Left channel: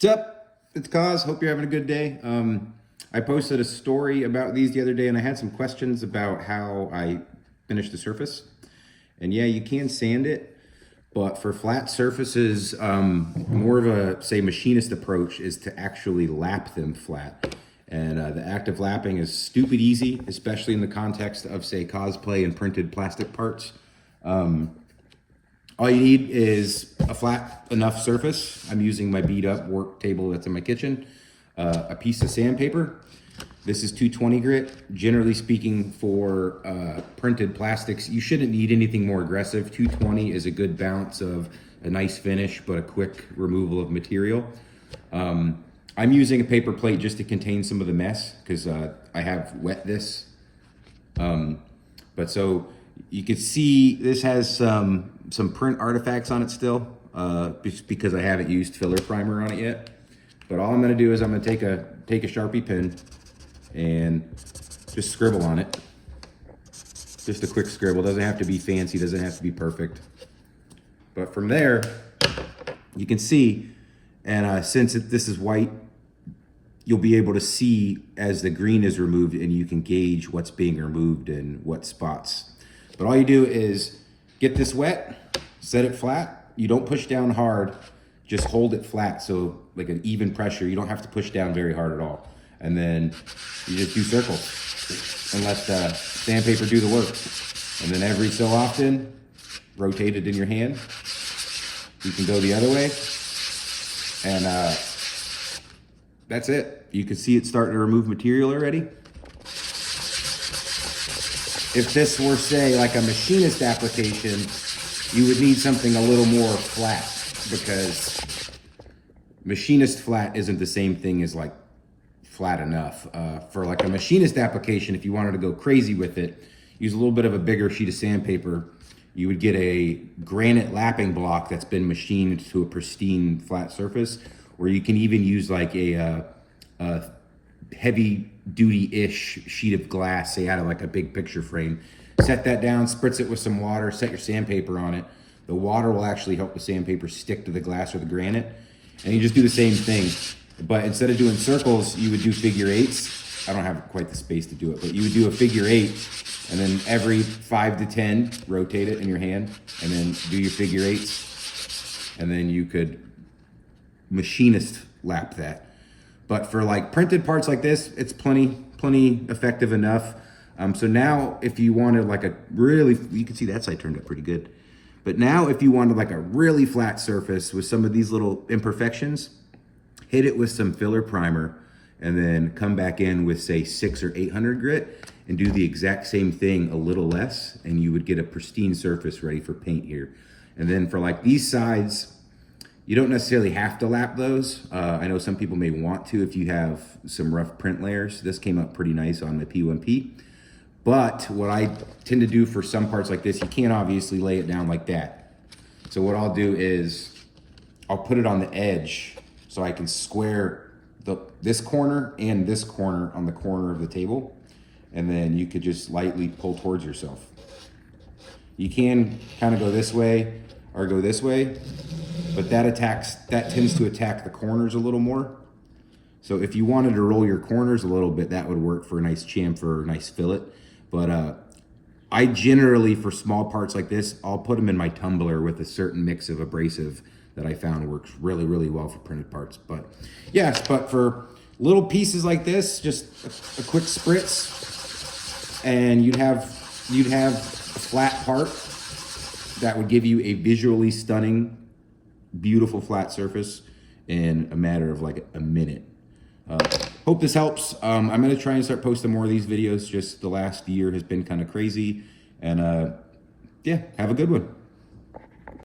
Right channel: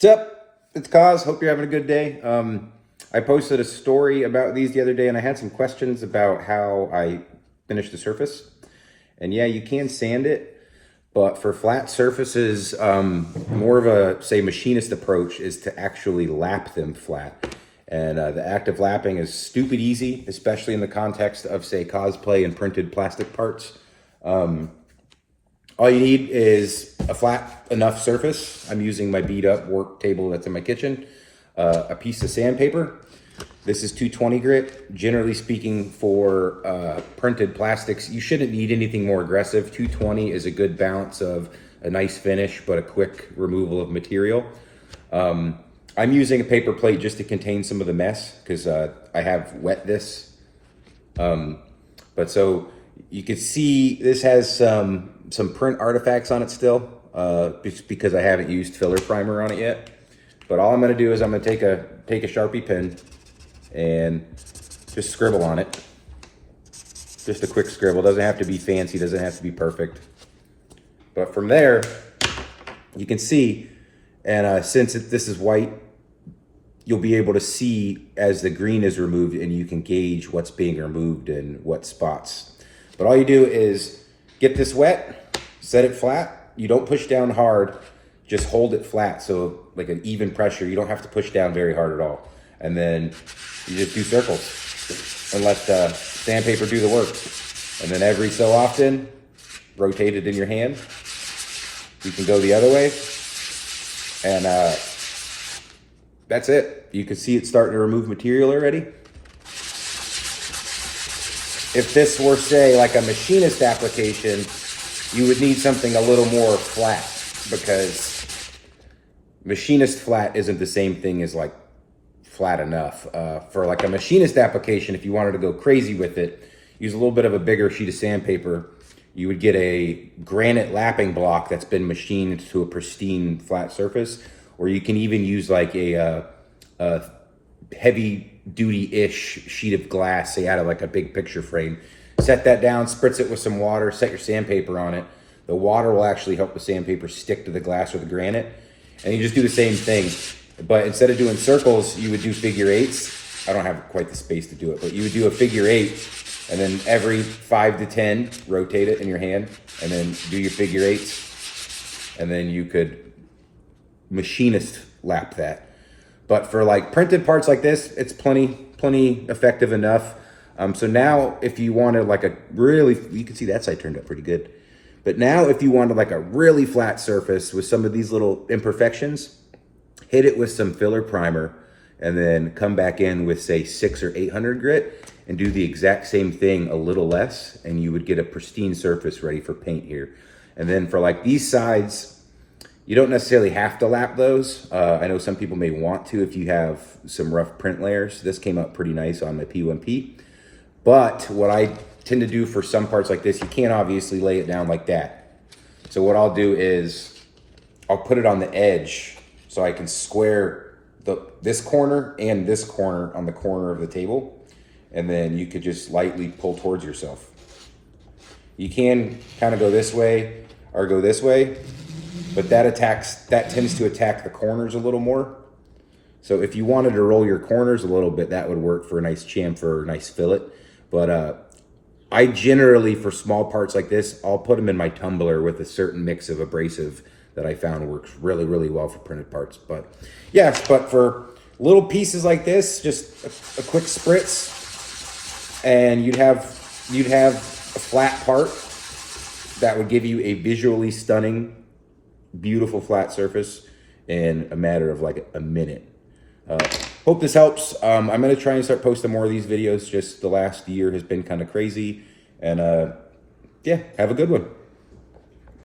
What's up? It's Cos. Hope you're having a good day. I posted a story about these the other day, and I had some questions about how I finished the surface. And yeah, you can sand it, but for flat surfaces, more of a, say, machinist approach is to actually lap them flat. And the act of lapping is stupid easy, especially in the context of, say, cosplay and printed plastic parts. All you need is a flat enough surface. I'm using my beat up work table that's in my kitchen, a piece of sandpaper. This is 220 grit. Generally speaking, for printed plastics, you shouldn't need anything more aggressive. 220 is a good balance of a nice finish, but a quick removal of material. I'm using a paper plate just to contain some of the mess because I have wet this. But so you can see this has some print artifacts on it still, because I haven't used filler primer on it yet. But all I'm gonna do is I'm gonna take a Sharpie pen and just scribble on it. Just a quick scribble, doesn't have to be fancy, doesn't have to be perfect. But from there, you can see, and since this is white, you'll be able to see as the green is removed, and you can gauge what's being removed and what spots. But all you do is get this wet, set it flat. You don't push down hard, just hold it flat. So like an even pressure, you don't have to push down very hard at all. And then you just do circles and let the sandpaper do the work. And then every so often, rotate it in your hand. You can go the other way. And that's it. You can see it starting to remove material already. If this were, say, like a machinist application, you would need something a little more flat, because machinist flat isn't the same thing as like flat enough. For like a machinist application, if you wanted to go crazy with it, use a little bit of a bigger sheet of sandpaper. You would get a granite lapping block that's been machined to a pristine flat surface, or you can even use like a heavy duty-ish sheet of glass, say out of like a big picture frame. Set that down, spritz it with some water, set your sandpaper on it. The water will actually help the sandpaper stick to the glass or the granite. And you just do the same thing. But instead of doing circles, you would do figure eights. I don't have quite the space to do it, but you would do a figure eight, and then every 5 to 10, rotate it in your hand, and then do your figure eights. And then you could machinist lap that. But for like printed parts like this, it's plenty effective enough. So now if you wanted like a really, you can see that side turned out pretty good. But now if you wanted like a really flat surface with some of these little imperfections, hit it with some filler primer and then come back in with, say, 600 or 800 grit and do the exact same thing a little less, and you would get a pristine surface ready for paint here. And then for like these sides, you don't necessarily have to lap those. I know some people may want to if you have some rough print layers. This came out pretty nice on my P1P. But what I tend to do for some parts like this, you can't obviously lay it down like that. So what I'll do is I'll put it on the edge so I can square this corner and this corner on the corner of the table. And then you could just lightly pull towards yourself. You can kind of go this way or go this way, but that tends to attack the corners a little more. So if you wanted to roll your corners a little bit, that would work for a nice chamfer, nice fillet. But I generally, for small parts like this, I'll put them in my tumbler with a certain mix of abrasive that I found works really, really well for printed parts. But yes, but for little pieces like this, just a quick spritz, and you'd have a flat part that would give you a visually stunning, beautiful flat surface in a matter of like a minute. Hope this helps. I'm going to try and start posting more of these videos. Just the last year has been kind of crazy. And yeah, have a good one.